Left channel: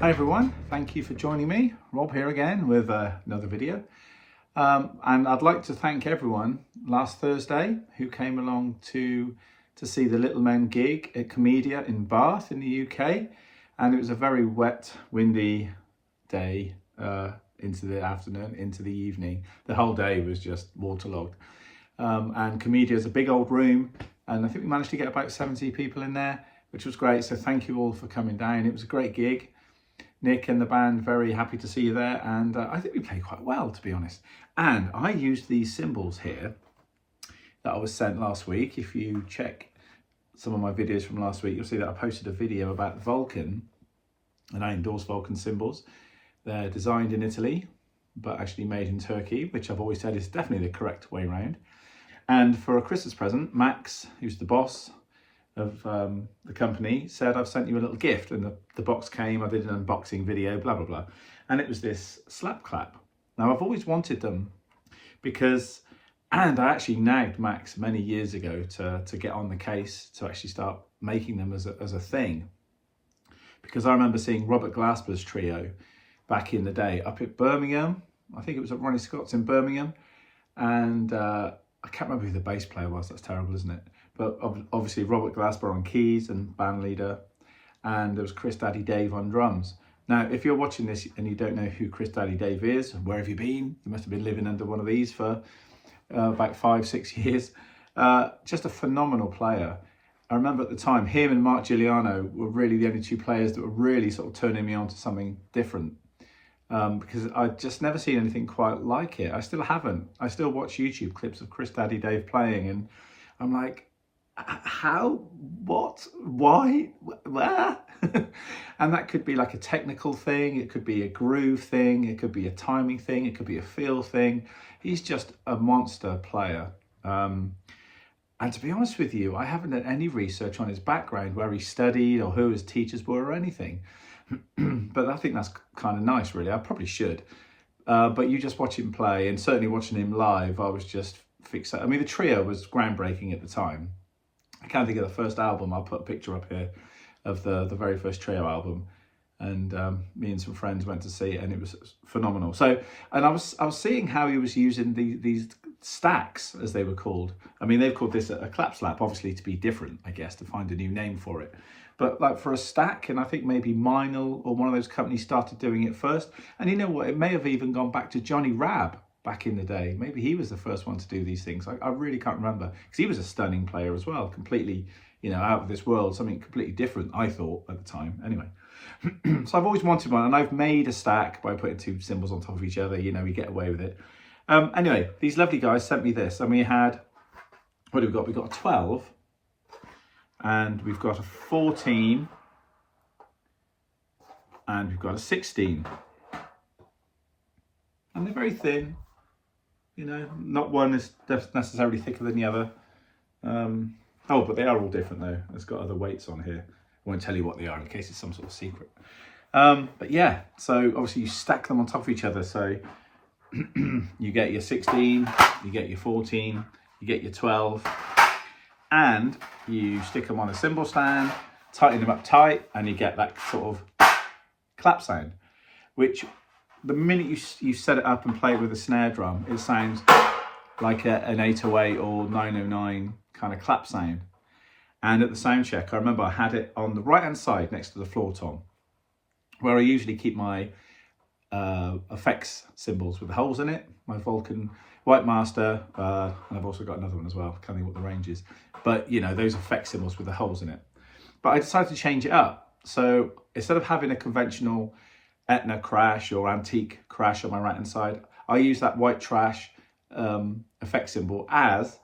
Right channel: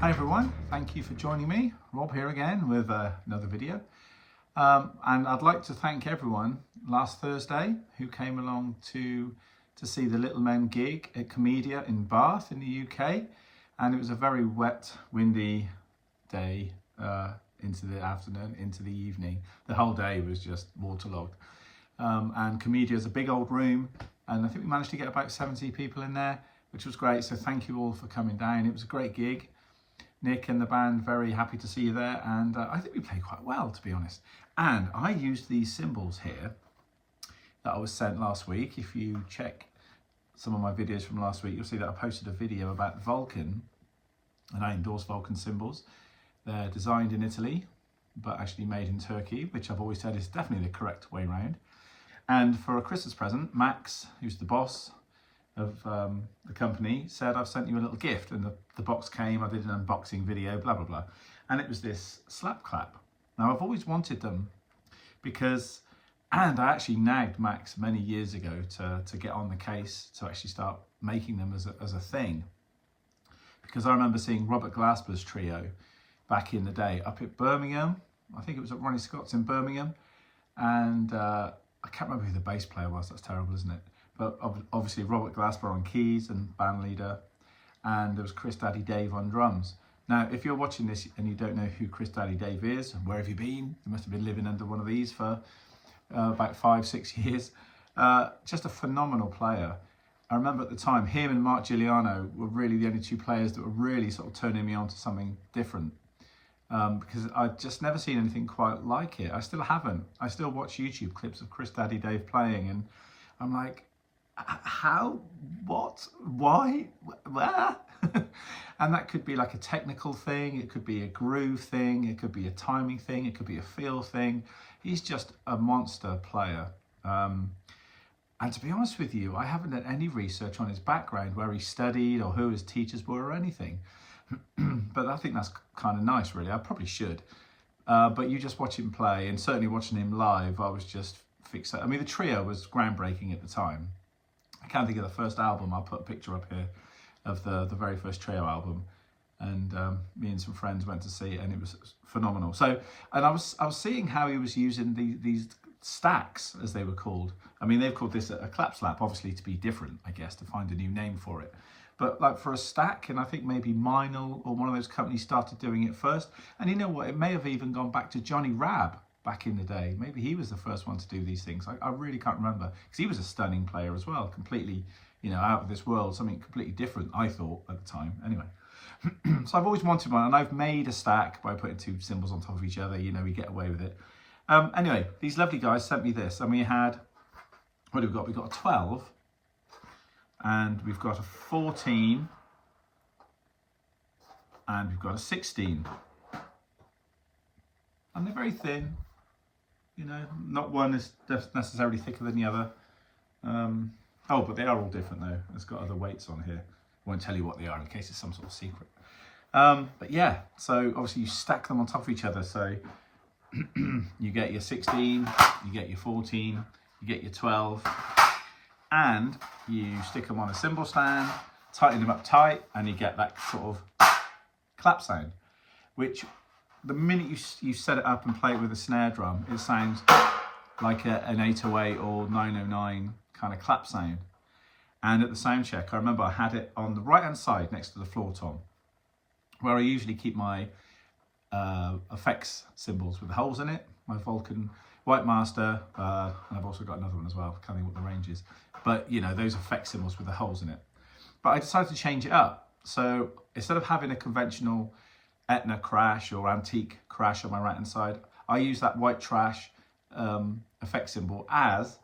Hi everyone, thank you for joining me. Rob here again with another video. And I'd like to thank everyone last Thursday who came along to see the Little Men gig at Comedia in Bath in the UK. And it was a very wet, windy day into the afternoon, into the evening. The whole day was just waterlogged. And Comedia is a big old room, and I think we managed to get about 70 people in there, which was great. So thank you all for coming down. It was a great gig. Nick and the band, very happy to see you there, and I think we played quite well, to be honest. And I used these cymbals here that I was sent last week. If you check some of my videos from last week, you'll see that I posted a video about the Vulcan, and I endorse Vulcan cymbals. They're designed in Italy, but actually made in Turkey, which I've always said is definitely the correct way around. And for a Christmas present, Max, who's the boss of the company, said, I've sent you a little gift, and the box came. I did an unboxing video, blah blah blah, and it was this slap clap. Now I've always wanted them because, and I actually nagged Max many years ago to get on the case to actually start making them as a thing, because I remember seeing Robert Glasper's trio back in the day up at Birmingham. I think it was at Ronnie Scott's in Birmingham, and I can't remember who the bass player was. That's terrible, isn't it? But obviously Robert Glasper on keys and band leader, and there was Chris Daddy Dave on drums. Now, if you're watching this and you don't know who Chris Daddy Dave is, where have you been? You must have been living under one of these for about 5-6 years. Just a phenomenal player. I remember at the time, him and Mark Giuliano were really the only two players that were really sort of turning me on to something different. Because I'd just never seen anything quite like it. I still haven't. I still watch YouTube clips of Chris Daddy Dave playing, and I'm like, how, what, why, where? And that could be like a technical thing, it could be a groove thing, it could be a timing thing, it could be a feel thing. He's just a monster player. And to be honest with you, I haven't done any research on his background, where he studied or who his teachers were or anything. But I think that's kind of nice, really. I probably should. But you just watch him play, and certainly watching him live, I was just fixated. I mean, the trio was groundbreaking at the time. I can't think of the first album. I'll put a picture up here of the very first trio album, and me and some friends went to see it, and it was phenomenal. So, and I was seeing how he was using these stacks, as they were called. I mean, they've called this a clap slap, obviously to be different, I guess, to find a new name for it. But like for a stack, and I think maybe Meinl or one of those companies started doing it first. And you know what? It may have even gone back to Johnny Rabb back in the day. Maybe he was the first one to do these things. I really can't remember, because he was a stunning player as well, completely, out of this world, something completely different, I thought at the time. Anyway, so I've always wanted one, and I've made a stack by putting two cymbals on top of each other. We get away with it. Anyway, these lovely guys sent me this, and we had, what have we got? We've got a 12, and we've got a 14, and we've got a 16. And they're very thin. Not one is necessarily thicker than the other. But they are all different though. It's got other weights on here. I won't tell you what they are in case it's some sort of secret. But yeah, so obviously you stack them on top of each other. So you get your 16, you get your 14, you get your 12, and you stick them on a cymbal stand, tighten them up tight, and you get that sort of clap sound, which the minute you set it up and play it with a snare drum, it sounds like an 808 or 909 kind of clap sound. And at the sound check, I remember I had it on the right hand side next to the floor tom, where I usually keep my effects cymbals with the holes in it, my Vulcan White Master, and I've also got another one as well, can't think what the range is, but those effect cymbals with the holes in it. But I decided to change it up. So instead of having a conventional Etna crash or antique crash on my right hand side, I use that white trash effect cymbal as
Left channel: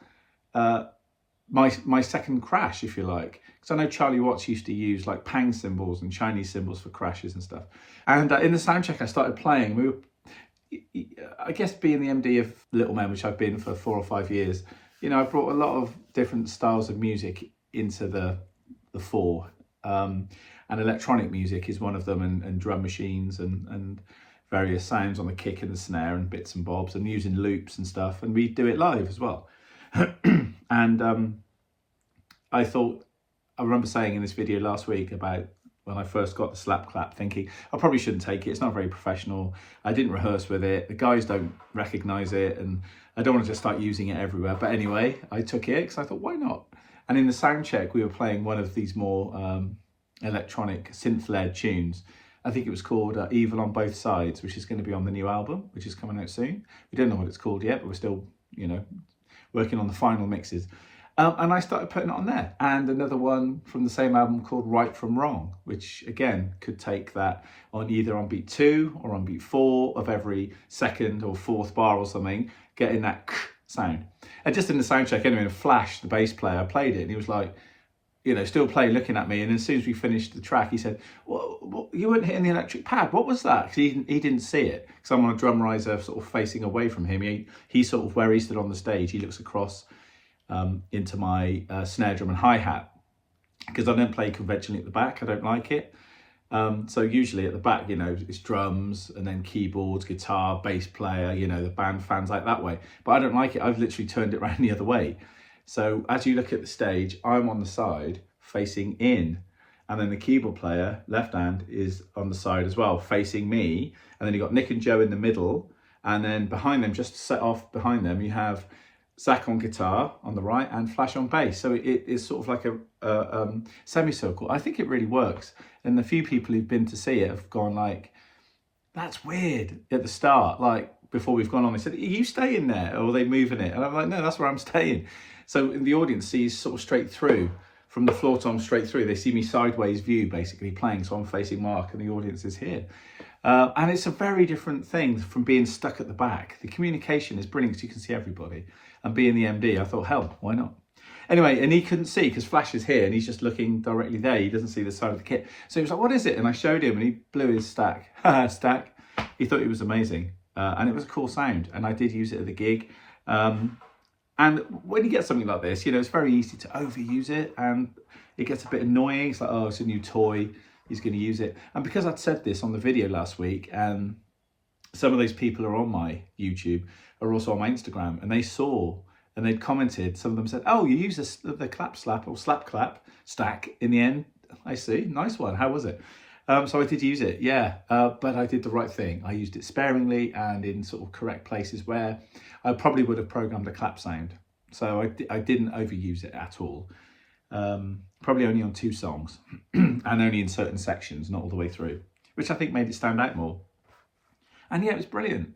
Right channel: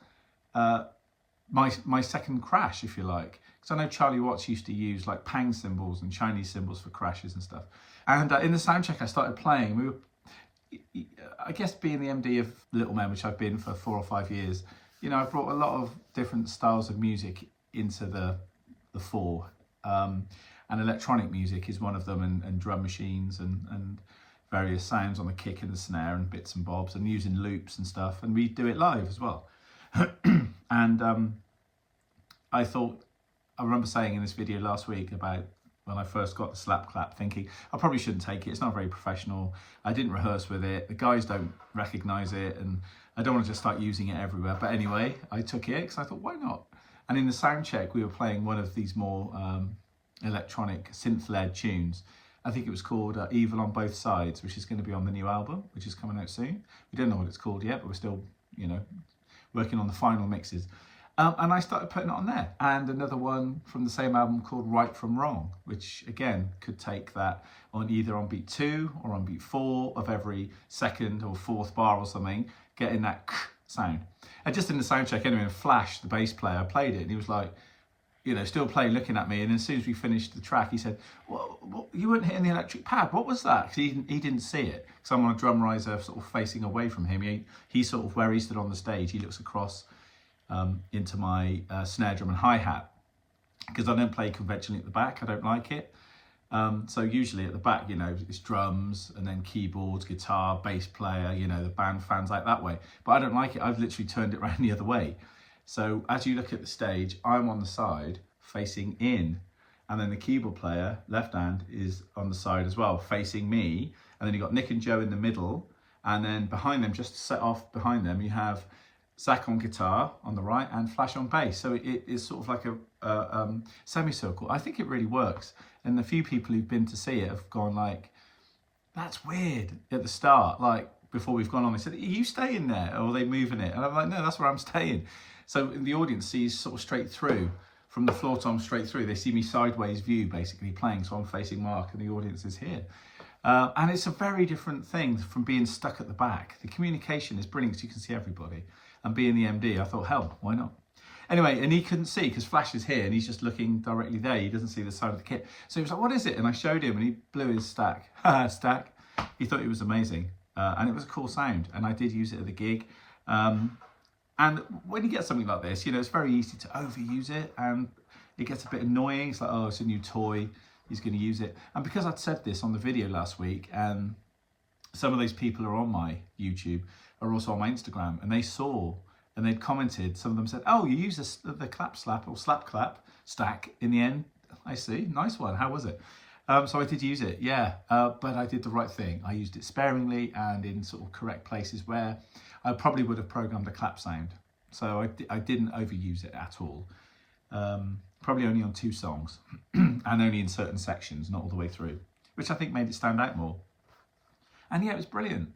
my second crash, if you like. Because I know Charlie Watts used to use like Pang cymbals and Chinese cymbals for crashes and stuff. And in the sound check I started playing, I guess being the MD of Little Men, which I've been for 4 or 5 years, I brought a lot of different styles of music into the fore. And electronic music is one of them, and drum machines and various sounds on the kick and the snare and bits and bobs, and using loops and stuff. And we do it live as well. And I remember saying in this video last week about when I first got the slap clap, thinking I probably shouldn't take it. It's not very professional. I didn't rehearse with it. The guys don't recognise it, and I don't want to just start using it everywhere. But anyway, I took it because I thought, why not? And in the sound check, we were playing one of these more electronic synth-led tunes. I think it was called Evil on Both Sides, which is going to be on the new album, which is coming out soon. We don't know what it's called yet, but we're still, you know, working on the final mixes. And I started putting it on there. And another one from the same album called Right From Wrong, which again could take that on either on beat 2 or on beat 4 of every second or fourth bar or something, getting that sound. And just in the sound check anyway, in Flash, the bass player, I played it and he was like, you know, still playing, looking at me. And as soon as we finished the track, he said, well, you weren't hitting the electric pad. What was that? Because he didn't see it. Because I'm on a drum riser sort of facing away from him. He's sort of where he stood on the stage. He looks across into my snare drum and hi-hat, because I don't play conventionally at the back. I don't like it. So usually at the back, you know, it's drums and then keyboards, guitar, bass player, you know, the band fans like that way. But I don't like it. I've literally turned it around the other way. So as you look at the stage, I'm on the side facing in, and then the keyboard player, left hand, is on the side as well, facing me. And then you've got Nick and Joe in the middle, and then behind them, just set off behind them, you have Zach on guitar on the right and Flash on bass. So it is sort of like a semicircle. I think it really works. And the few people who've been to see it have gone like, that's weird at the start. Like before we've gone on, they said, are you staying there? Or are they moving it? And I'm like, no, that's where I'm staying. So the audience sees sort of straight through, from the floor tom straight through. They see me sideways view basically playing. So I'm facing Mark and the audience is here. And it's a very different thing from being stuck at the back. The communication is brilliant because you can see everybody. And being the MD, I thought, hell, why not? Anyway, and he couldn't see because Flash is here and he's just looking directly there. He doesn't see the side of the kit. So he was like, what is it? And I showed him and he blew his stack. Stack. He thought it was amazing. And it was a cool sound. And I did use it at the gig. And when you get something like this, you know, it's very easy to overuse it and it gets a bit annoying. It's like, oh, it's a new toy. He's going to use it. And because I'd said this on the video last week, and some of those people are on my YouTube, are also on my Instagram, and they saw and they'd commented. Some of them said, oh, you use the clap slap or slap clap stack in the end. I see. Nice one. How was it? So I did use it, yeah, but I did the right thing. I used it sparingly and in sort of correct places where I probably would have programmed a clap sound. So I didn't overuse it at all. Probably only on 2 songs and only in certain sections, not all the way through, which I think made it stand out more. And yeah, it was brilliant.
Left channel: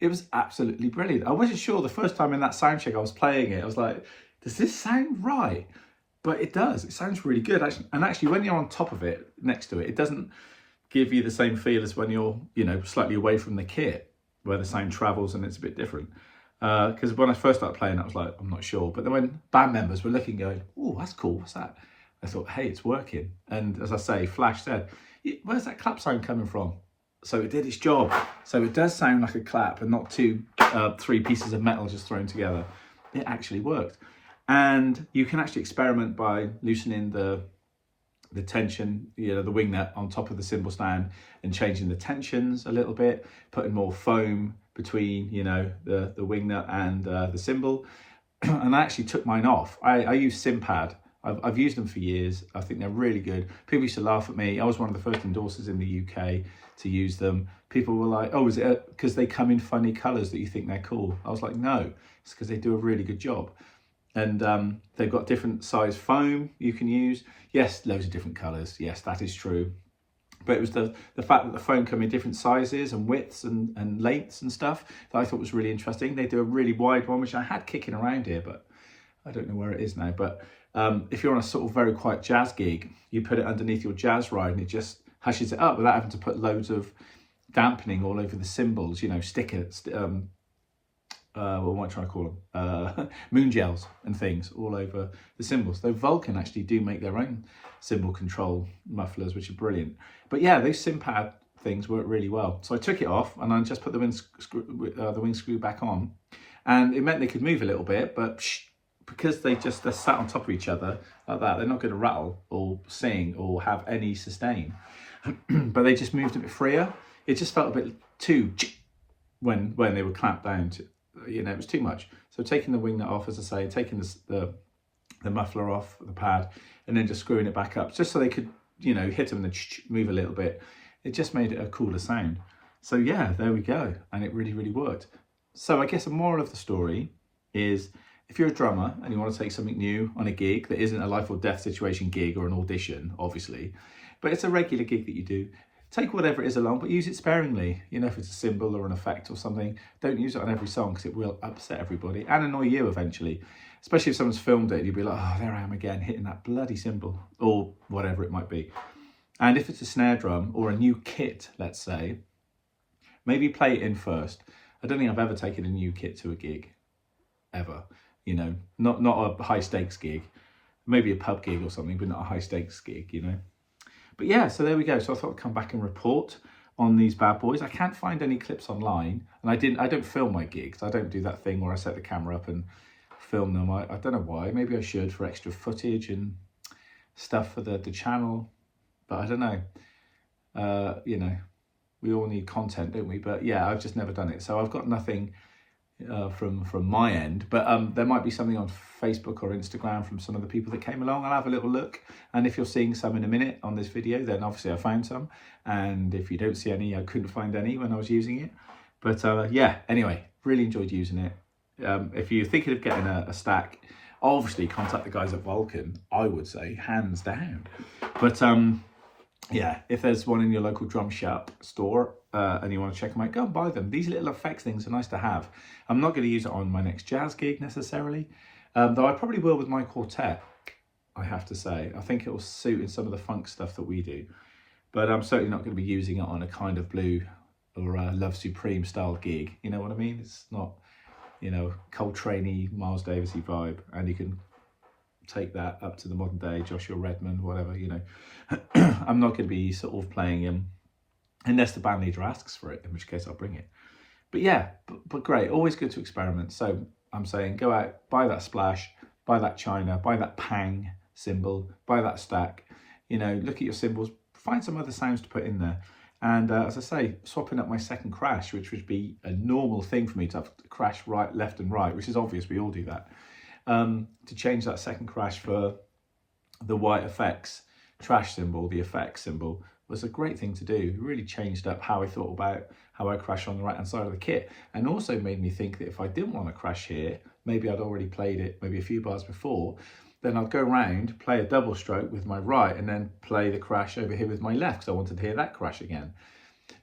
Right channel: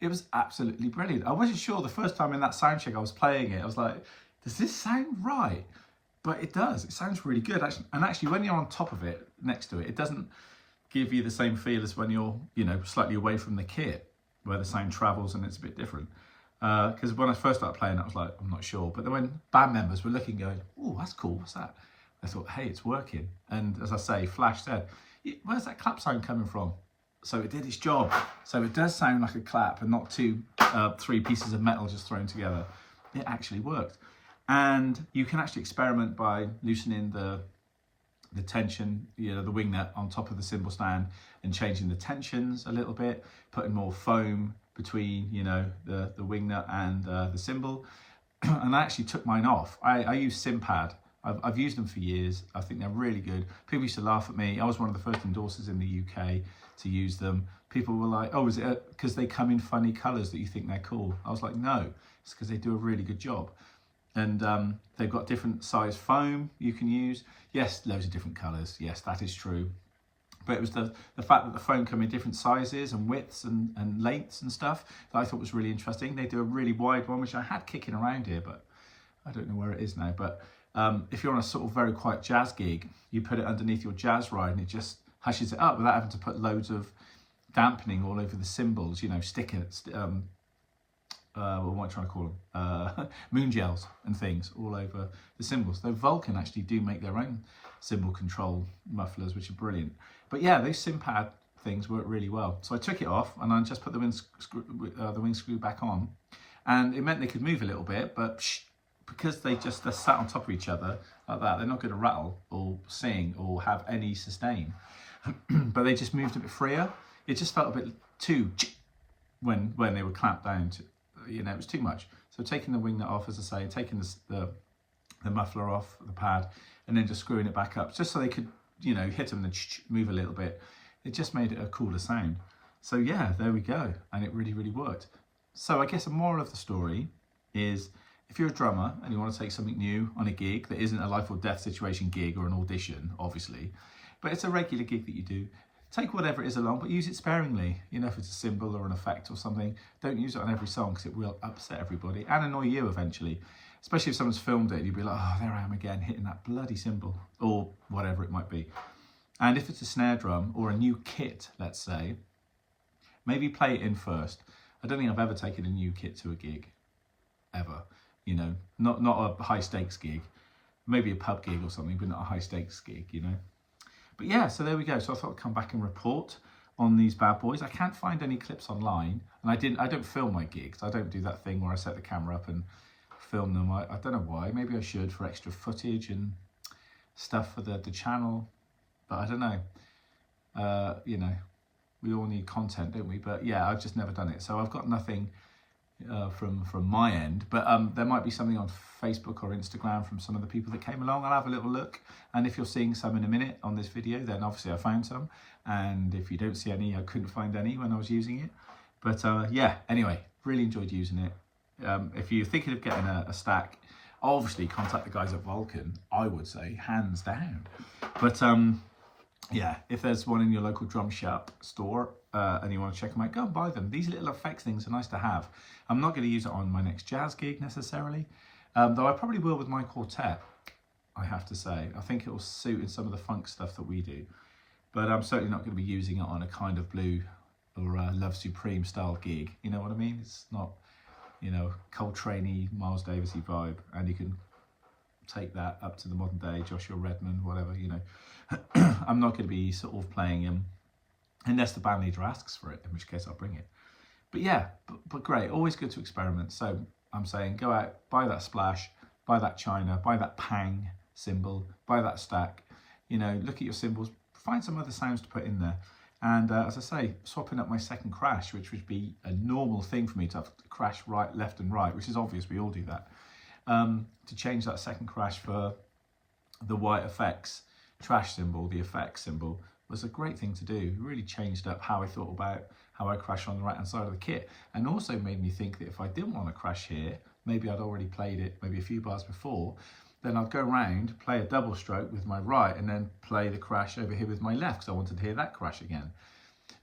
It was absolutely brilliant. I wasn't sure the first time in that sound check I was playing it. I was like, does this sound right? But it does. It sounds really good. And actually, when you're on top of it, next to it, it doesn't give you the same feel as when you're, you know, slightly away from the kit, where the sound travels and it's a bit different. Because when I first started playing, I was like, I'm not sure. But then when band members were looking, going, oh, that's cool. What's that? I thought, hey, it's working. And as I say, Flash said, where's that clap sound coming from? So it did its job. So it does sound like a clap and not 3 pieces of metal just thrown together. It actually worked. And you can actually experiment by loosening the tension, you know, the wing nut on top of the cymbal stand and changing the tensions a little bit, putting more foam between, you know, the wing nut and the cymbal. And I actually took mine off. I use Cympad. I've used them for years. I think they're really good. People used to laugh at me. I was one of the first endorsers in the UK to use them. People were like, oh, is it because they come in funny colours that you think they're cool? I was like, no, it's because they do a really good job. And they've got different size foam you can use. Yes, loads of different colours. Yes, that is true. But it was the fact that the foam come in different sizes and widths and lengths and stuff that I thought was really interesting. They do a really wide one, which I had kicking around here, but I don't know where it is now. But if you're on a sort of very quiet jazz gig, you put it underneath your jazz ride and it just hushes it up without having to put loads of dampening all over the cymbals, you know, what am I trying to call them? Moon gels and things all over the cymbals. Though Vulcan actually do make their own cymbal control mufflers, which are brilliant. But yeah, those Cympad things work really well. So I took it off and I just put the wing screw back on, and it meant they could move a little bit, but because they're sat on top of each other like that, they're not going to rattle or sing or have any sustain. But they just moved a bit freer. It just felt a bit too when they were clamped down to, you know, it was too much. So taking the wing nut off, as I say, taking the muffler off the pad, and then just screwing it back up, just so they could you know, hit them and then move a little bit. It just made it a cooler sound. So yeah, there we go. And it really, really worked. So I guess the moral of the story is, if you're a drummer and you want to take something new on a gig that isn't a life or death situation gig or an audition, obviously, but it's a regular gig that you do, take whatever it is along, but use it sparingly. You know, if it's a cymbal or an effect or something, don't use it on every song, because it will upset everybody and annoy you eventually. Especially if someone's filmed it, you'll be like, oh, there I am again, hitting that bloody cymbal, or whatever it might be. And if it's a snare drum or a new kit, let's say, maybe play it in first. I don't think I've ever taken a new kit to a gig, ever. You know, not a high stakes gig, maybe a pub gig or something, but not a high stakes gig, you know. But yeah, so there we go. So I thought I'd come back and report on these bad boys. I can't find any clips online, and I don't film my gigs. I don't do that thing where I set the camera up and film them. I don't know why. Maybe I should, for extra footage and stuff for the channel, but I don't know. You know, we all need content, don't we? But yeah, I've just never done it. So I've got nothing from my end, but there might be something on Facebook or Instagram from some of the people that came along. I'll have a little look, and if you're seeing some in a minute on this video, then obviously I found some, and if you don't see any, I couldn't find any when I was using it. But yeah, anyway, really enjoyed using it. If you're thinking of getting a stack, obviously contact the guys at Vulcan, I would say, hands down. But yeah, if there's one in your local drum shop store and you want to check them out, go and buy them. These little effects things are nice to have. I'm not going to use it on my next jazz gig necessarily, though I probably will with my quartet, I have to say. I think it will suit in some of the funk stuff that we do, but I'm certainly not going to be using it on a Kind of Blue or a Love Supreme style gig. You know what I mean? It's not, you know, Coltrane-y, Miles Davis-y vibe, and you can take that up to the modern day, Joshua Redman, whatever, you know. I'm not going to be sort of playing him unless the band leader asks for it, in which case I'll bring it. But yeah, but great, always good to experiment. So I'm saying, go out, buy that Splash, buy that China, buy that Pang cymbal, buy that stack, you know, look at your cymbals, find some other sounds to put in there. And as I say, swapping up my second crash, which would be a normal thing for me to have to crash right, left and right, which is obvious, we all do that. To change that second crash for the white effects trash cymbal, the effects cymbal, was a great thing to do. It really changed up how I thought about how I crash on the right hand side of the kit, and also made me think that if I didn't want to crash here, maybe I'd already played it maybe a few bars before, then I'd go around, play a double stroke with my right, and then play the crash over here with my left, because I wanted to hear that crash again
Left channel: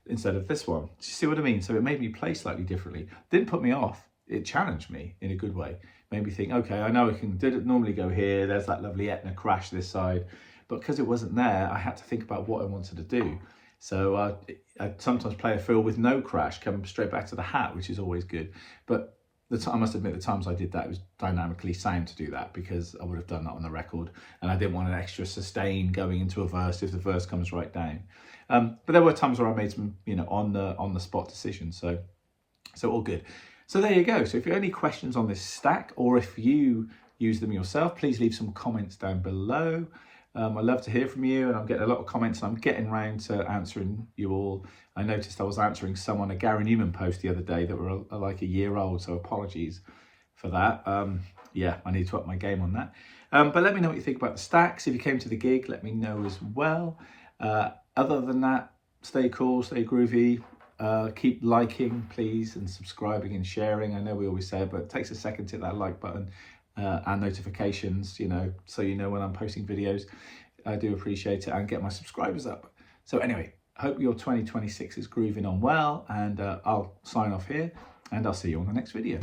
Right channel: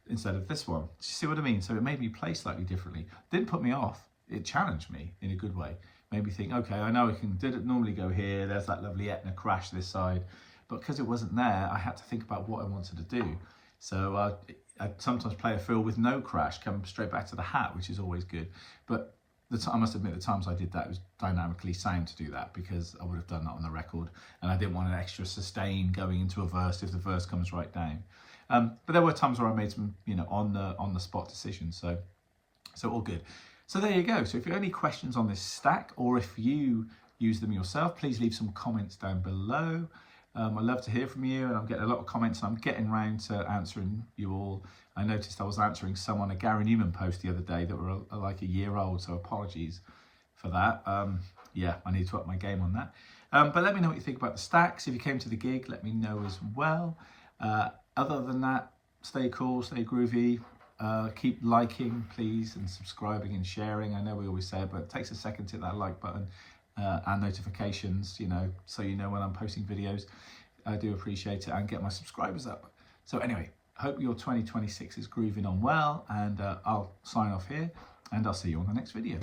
instead of this one. Do you see what I mean? So it made me play slightly differently. Didn't put me off. It challenged me in a good way. Made me think, okay, I know I can normally go here. There's that lovely Etna crash this side. But because it wasn't there, I had to think about what I wanted to do. So I sometimes play a fill with no crash, come straight back to the hat, which is always good. But I must admit, the times I did that, it was dynamically sound to do that, because I would have done that on the record, and I didn't want an extra sustain going into a verse if the verse comes right down. But there were times where I made some, you know, on the spot decisions. So all good. So there you go. So if you have any questions on this stack, or if you use them yourself, please leave some comments down below. I love to hear from you, and I'm getting a lot of comments, and I'm getting round to answering you all. I noticed I was answering some on a Gary Newman post the other day that were like a year old, so apologies for that. Yeah, I need to up my game on that. But let me know what you think about the stacks. If you came to the gig, let me know as well. Other than that, stay cool, stay groovy. Keep liking, please, and subscribing and sharing. I know we always say it, but it takes a second to hit that like button. And notifications, you know, so you know when I'm posting videos. I do appreciate it, and get my subscribers up. So anyway, hope your 2026 is grooving on well, and I'll sign off here, and I'll see you on the next video.